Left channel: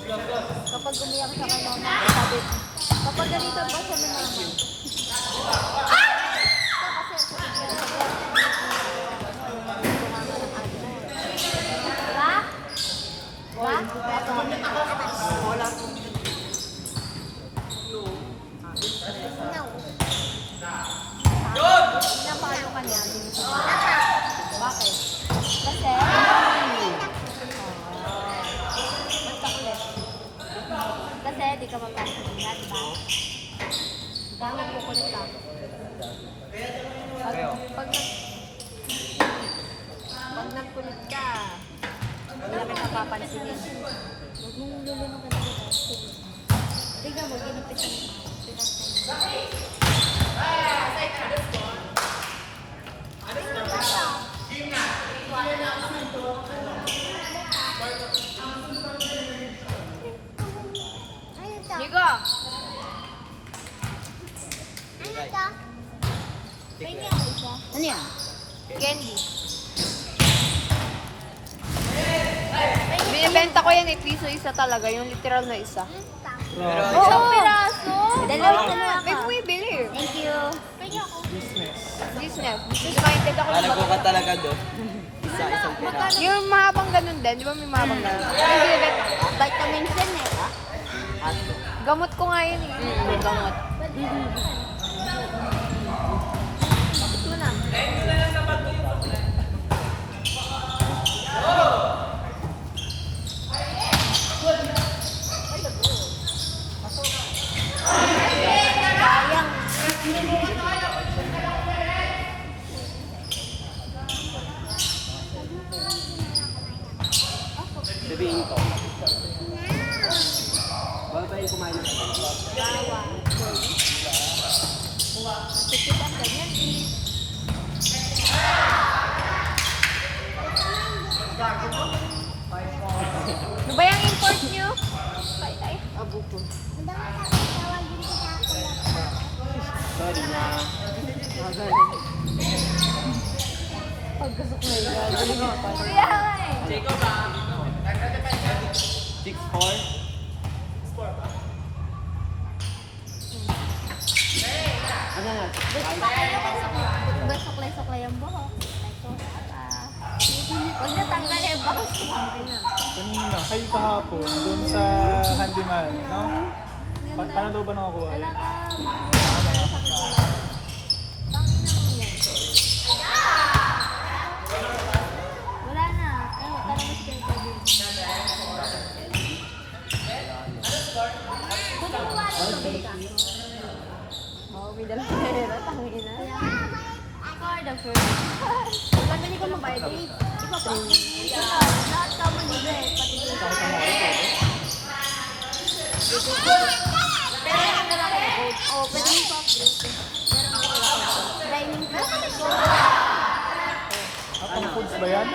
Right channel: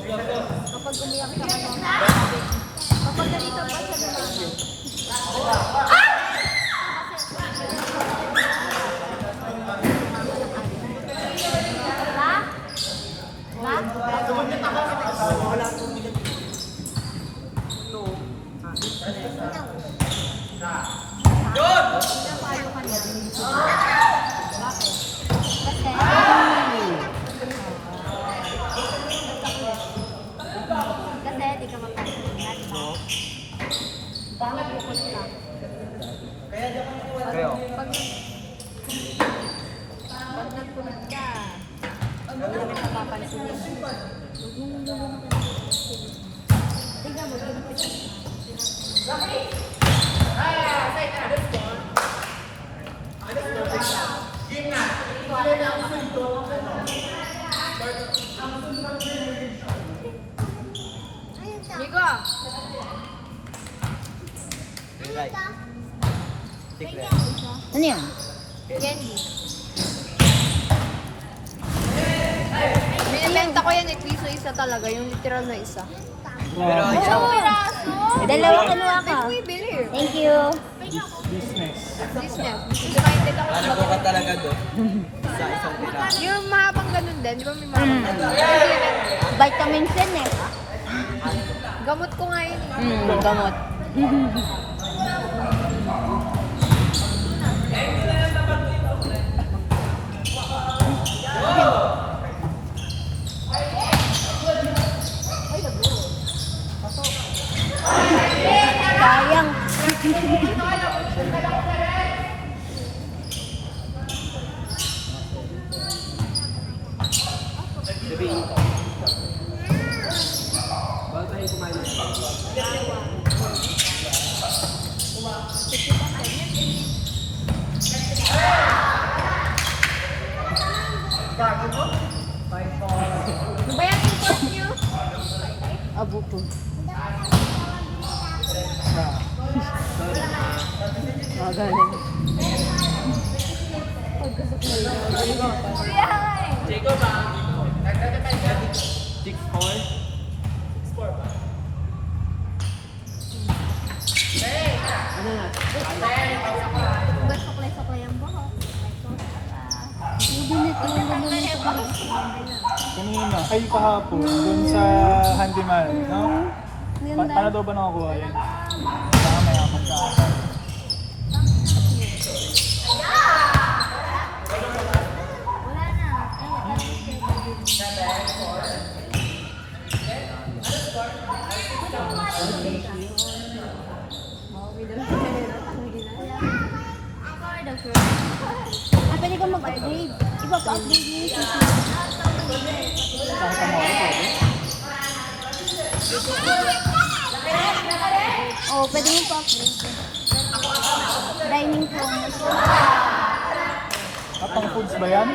Kapag umiyak ka, kapag ganito ka sa kasi di ka mapapagod. Bakit bukod lang? Kayo? Pag nagkulit ka, hindi mo napapansinin. Huwag mong lulunod ka. Tingnan mo, ginipit. Nico! Right. Tikle. Ano yan? Candy. Binibenta ko yan eh, piso isa talaga, yung literal na isa. Pero Isang piraso! Dalawa Pwede mo ibili. Thank you. Disney. United ako. alam ko ka talaga doon. Isang pera. Yung mahabang ganun din, di ba may mahabang ganun? Vitamins yan eh. Gamot ko nga yun. May gamot. Sabihin ko. Bawal ba yung kumain ng Ano ba yung import nyo? Abuto. Jacob ba? 6'4"? 6'4" ba? Saklay-saklay ang buhok. Huwag na tanggal yung buhok. Kanina, kayo kahapon, dun sa handyman, no? Paano daw ba nakakuha yun? Wala na. Ako are the first. Pwede ko mag-edit. Iba pa. Oh, pwede mo pa. Dining ka. Ang foods ba yan?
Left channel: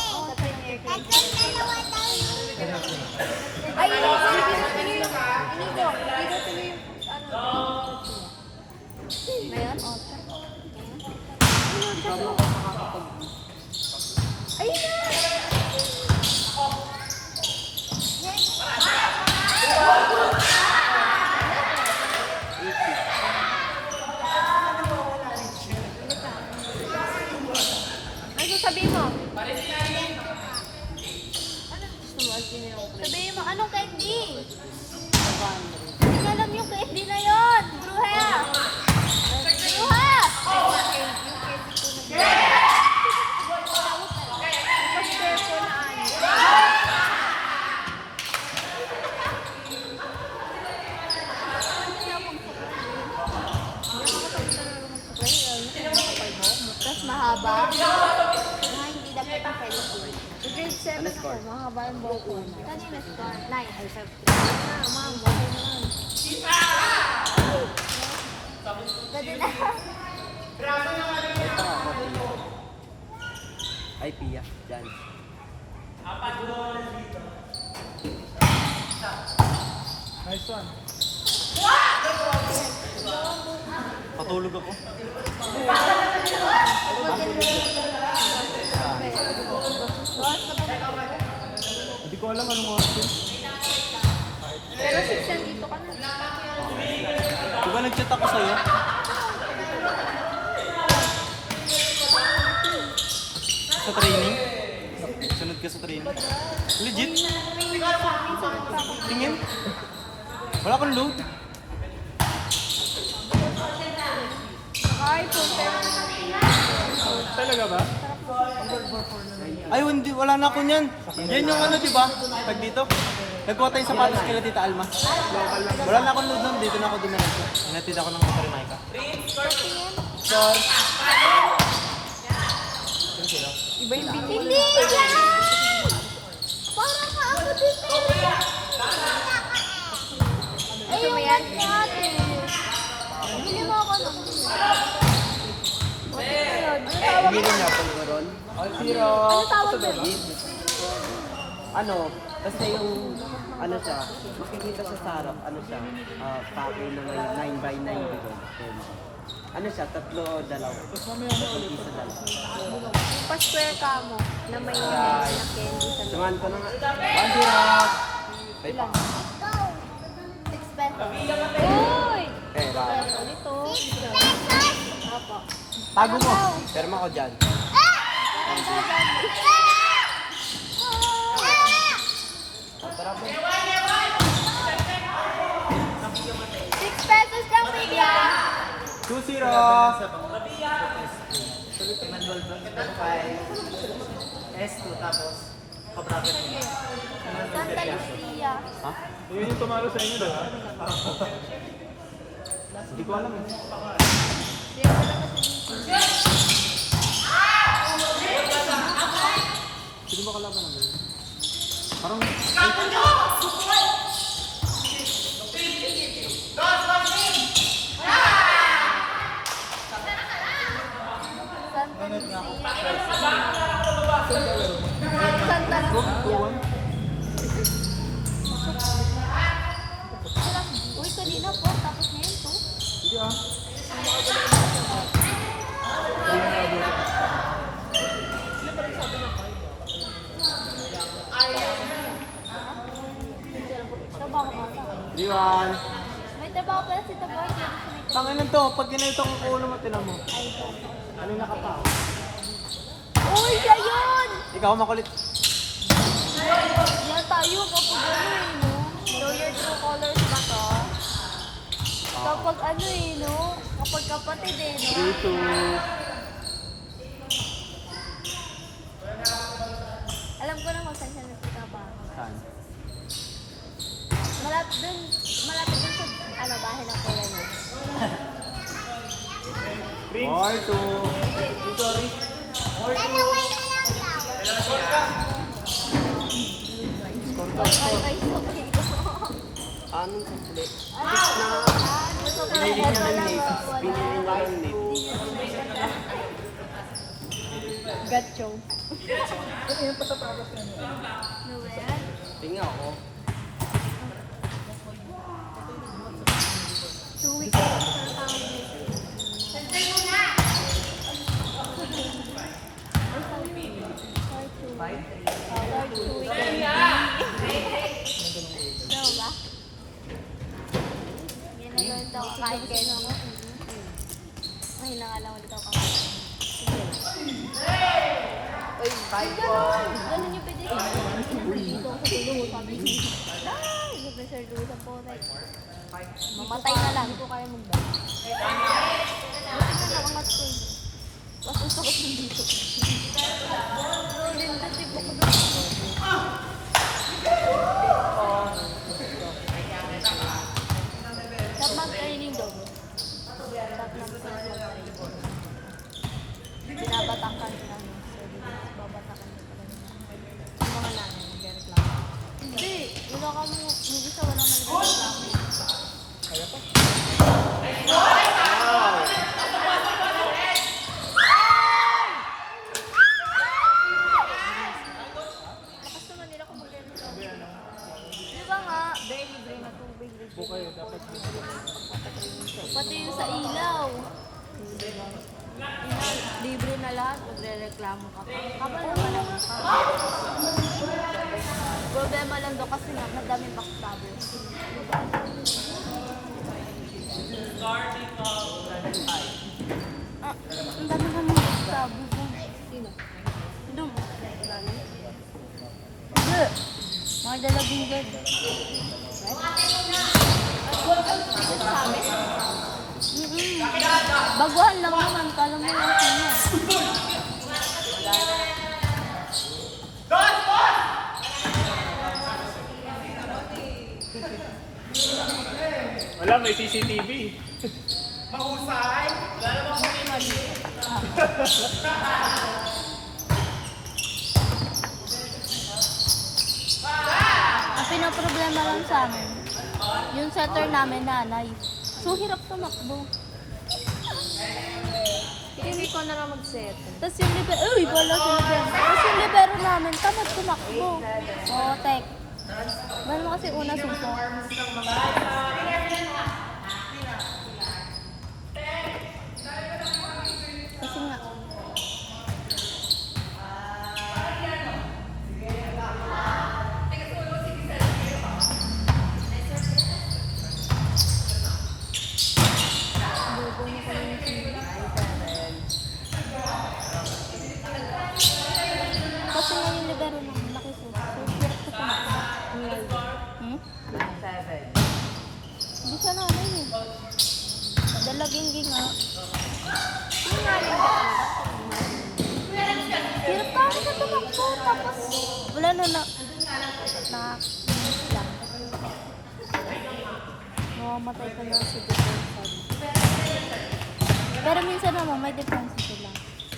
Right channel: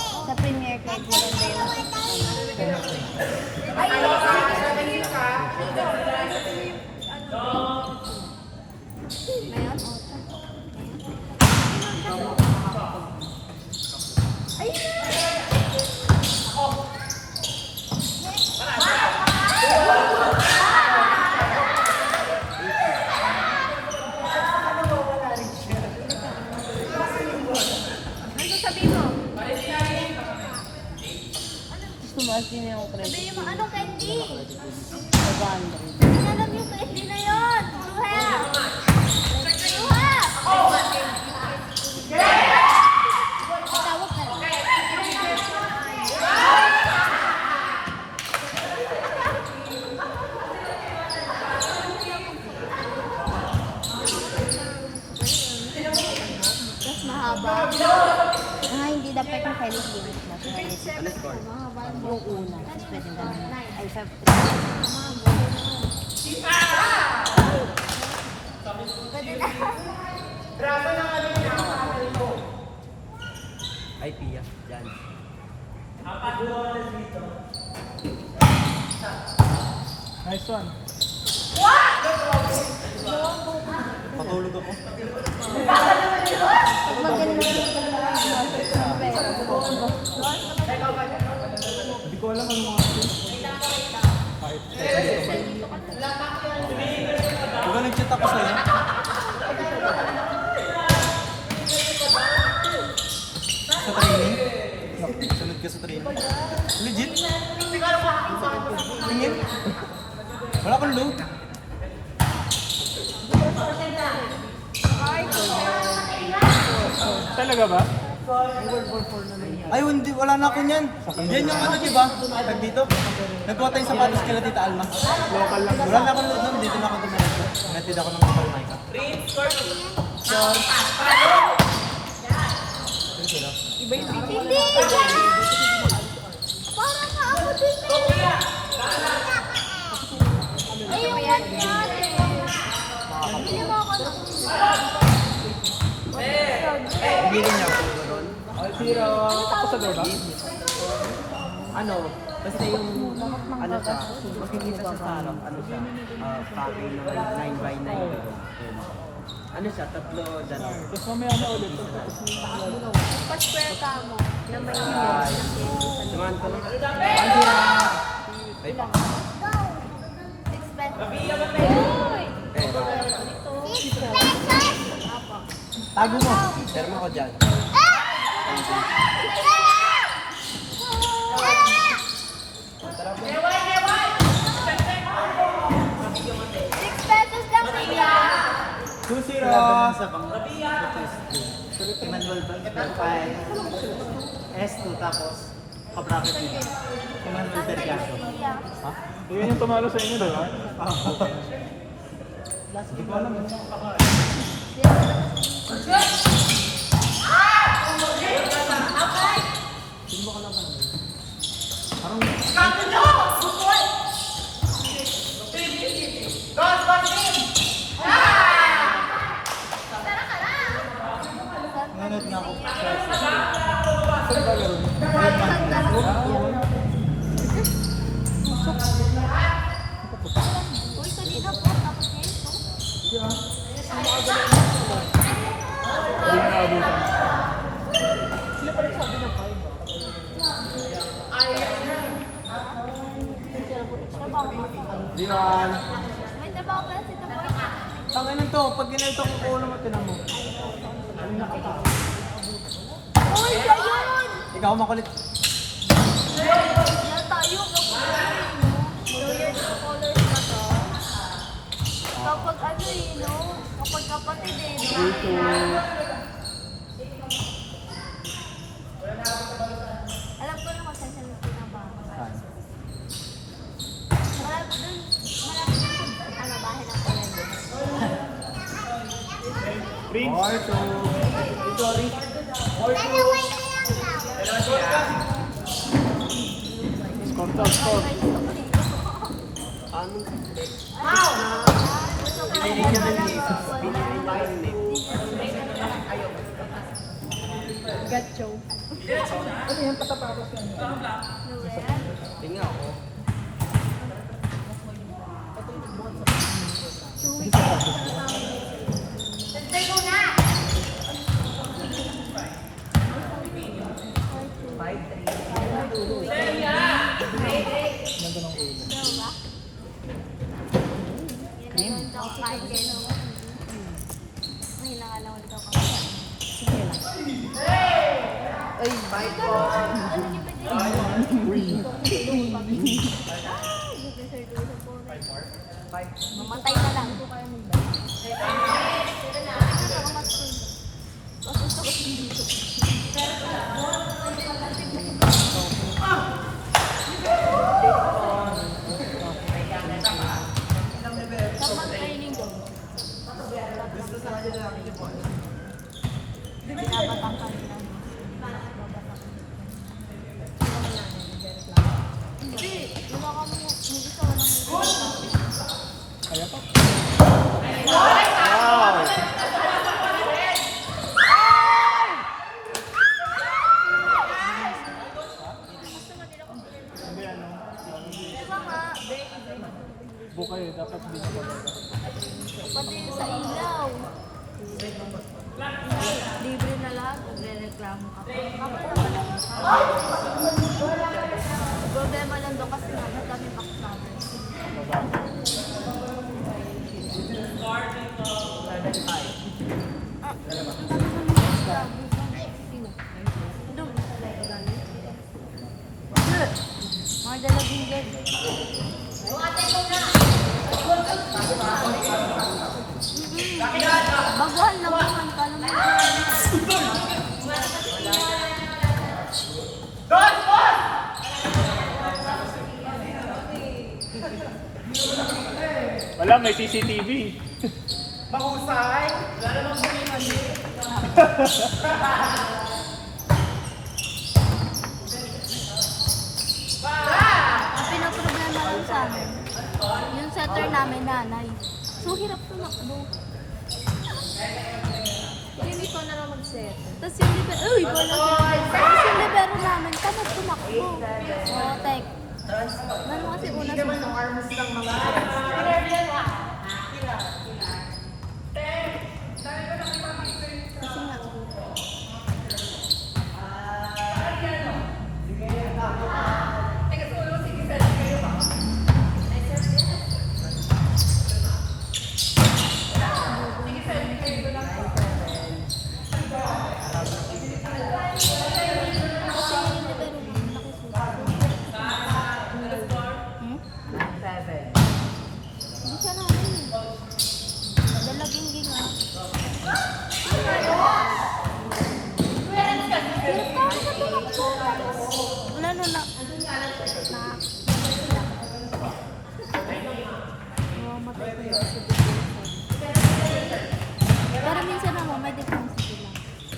Sa Premier Cake. Ngayon? Ano sabihin mo? Sabihin mo, anong candy? Hindi alam yung candy na yun. Luha! Luha! Tapos mahaba. Mga hindi dapat yung candy. Mahaba yung buhok una. Ay, Pia. Diyan. Nice one. Patulog ako. Hindi ko alam anong oras. Nandito ka na. Diba nag-cheat ako sa'yo? Sa training? Sunod ka sa training? Legit? Tingin? Wala kang load? Talaga ba? Ay, hindi. Wala na ako niyan. Yan yung ano, diba? Pag dito, nagkuha tayo sa patis kaya Tita Alma. Wala na akong load nun. Dito na ako dumiretso. Hinatid ako ng Tita Alma. Sure. Sino sila? Iba yung bitin. Hindi! Parang ako din. Ayun mo yan. Bili mo ako ng... Bilang niya ako meron. Ay, Tira. Sa ba? Ano, basta yung, ano siya, makikita siya sa, ano siya, pake na 9x9 gano'n. Ano siya, tatlo, dalawa. Isa dalawa. Pa-square ka mo. Na may candy sa loob. Tungan ko na. Ay, Tira. Ay, Wow! 6 pesos. Uy! eh, Ito. 6 pesos! Tago mo. terma ko dyan. Pesos lang bigla. 2-0. Ha? Yun yung tumalo sa inyo, diba? Hindi ko alam. Sige ba kalaban naman? Parang... Nanot nga ako. Uy, kanina po. Tapos ngayon po. Sige ah. Diyan. May trabaho pala si Taboy. Tanganin to, pag ginalito ko ulo mo, tinan mo. Ano na ka pa? Uy, siya yun! Ikaw makulit. Hindi tayo. Lawyer sa colors na to. Kapag ano eh, no? Kapag kapatid eh, no? Dito. Alam ko na kung saan siya nagpinaba. Saan? Malapit dun. Malapit dun sa ano, bahay ng pala niya. Or to... Sorry. Or to... Ano? Binili niya ng net. Binili niya ng net. Gacho. Tingnan ako. May nangalang ulit ako. Ano niyo pwede? Mamatay na lang. Ito kaya mag-buy. Tapos training doon. Hindi. Iba ka mo. Hindi sa walang Bukay, dapat dito. pati yung sa ilaw. Libre na lahat. Magre-reklamo ka pa. Golden Baguhan lang naman. Kala mo Alam, may CCTV. ang pinaproblema lang sa amin, yung setter namin nanay. So, hirap tumakbo. Hindi ko na nga mag-set. Tapos yung libero, uy, wala sa Tapos yung libero namin, tamad tumakbo. Oo, tek. Ano kasi una sa Kasi nga, kasi yung libero namin, Hindi siya namin eh. Dalaging ginga. Wala na. Mamamatay ko na sa Pero minsan naman may difference sila.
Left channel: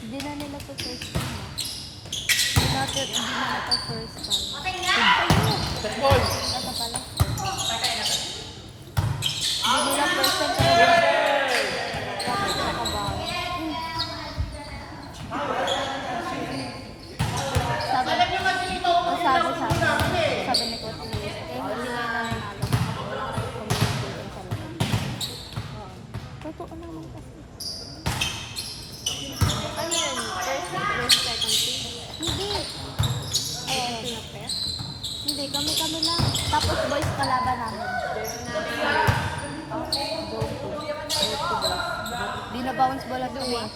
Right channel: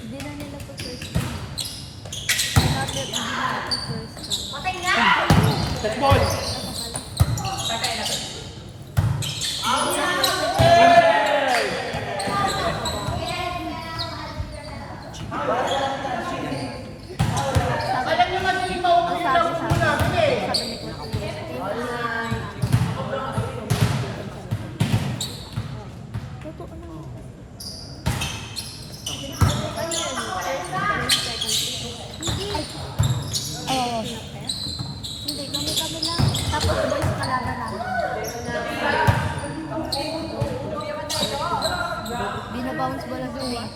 Hindi na nila sa first time. Hindi na sa first time. Alam niyo nga hindi pa umuwi na kung mula kami. Totoo naman kasi. Hindi. Hindi, kami na. Tapos boys talaga namin. Di na bounce ball agad eh.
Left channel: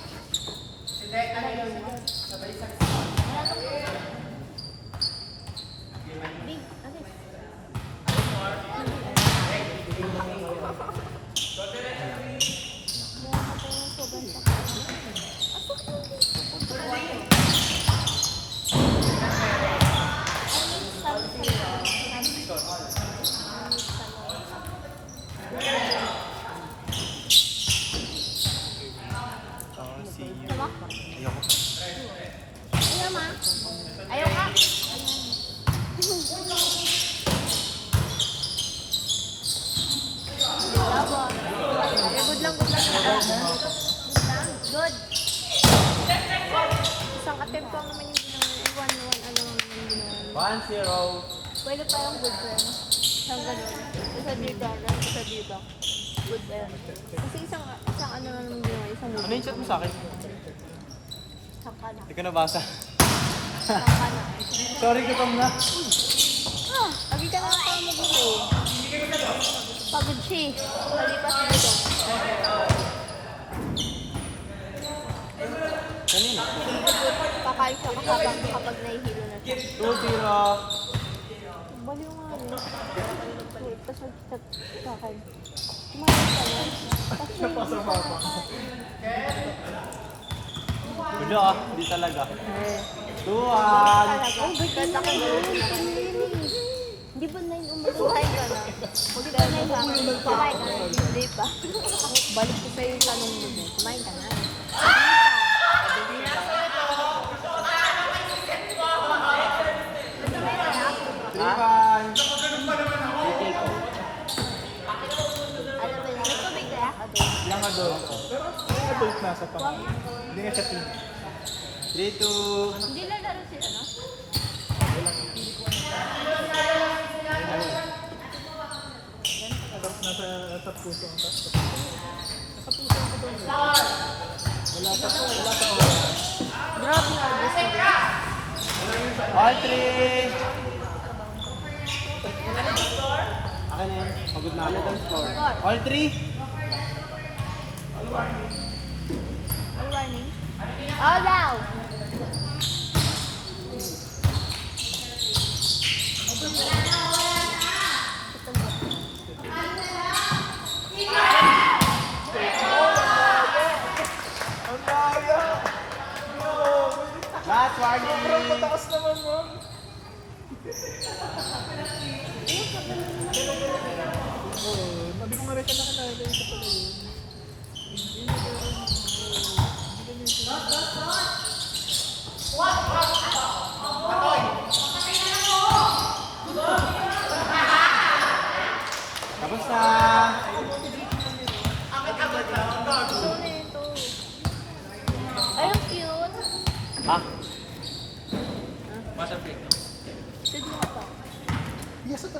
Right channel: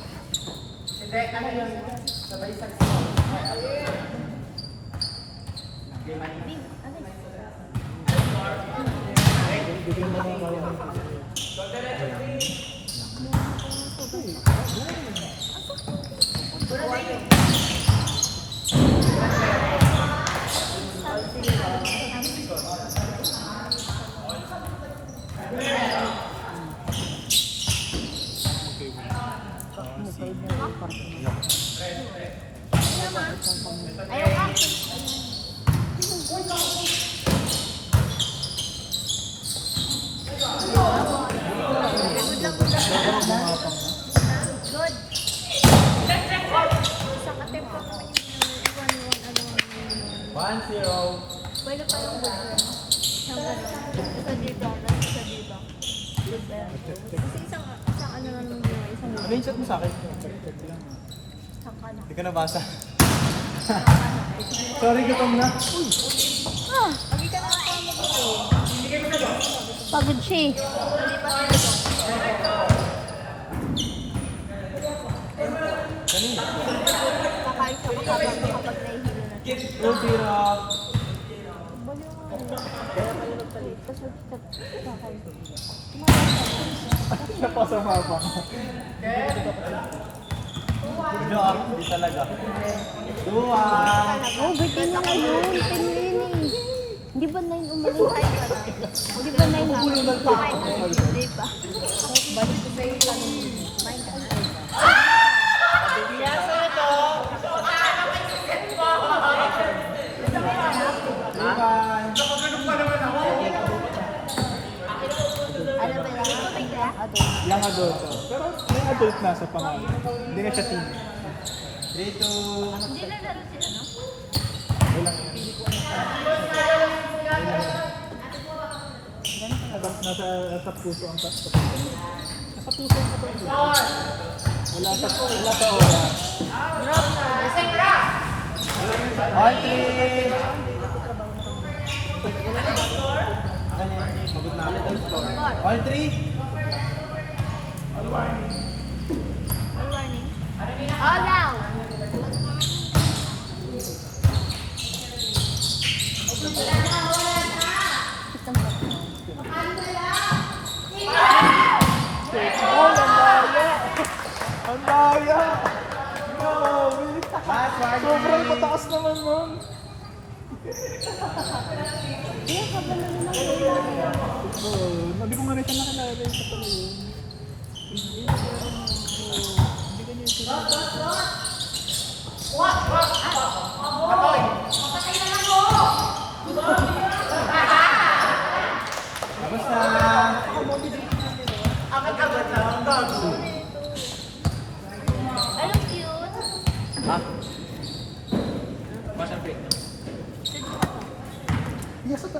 Isang attempt ko naman yung 1-0. Pwede tayong good friend. Sa diba? Sa diba? Good friend. Kasi isang ano lang yung isang Ano yung chat mo sa akin? sakal. Hindi ka nabasa. Sorry, gutom na. Lagi ka na ako mag-go. Pagod siya eh. Kanina. Kakain siya ko tapos kapag nahihilo na. 2-0. Baliw nga. Wait, tapos kakain. Napasama pa. Diba ah, hindi talaga. 2-1. Oh, bitin na yun. Hindi ba na yung Buhay ka na. Hindi ba na yung Kumain ka na. Hindi pa. Balik ko sa'yo yung tanong mo. Kumain ka na. Adult na sa pangalan. Hindi na siya team. 3-2. Hindi na lalo si ano? Nasa puso ang taas. All three. Pagod na ako. All three. Warning. Oh, now! Hindi ko nga rin siya nakalala. Tapos na. Ay, ang cute. Ha? Yes, ito.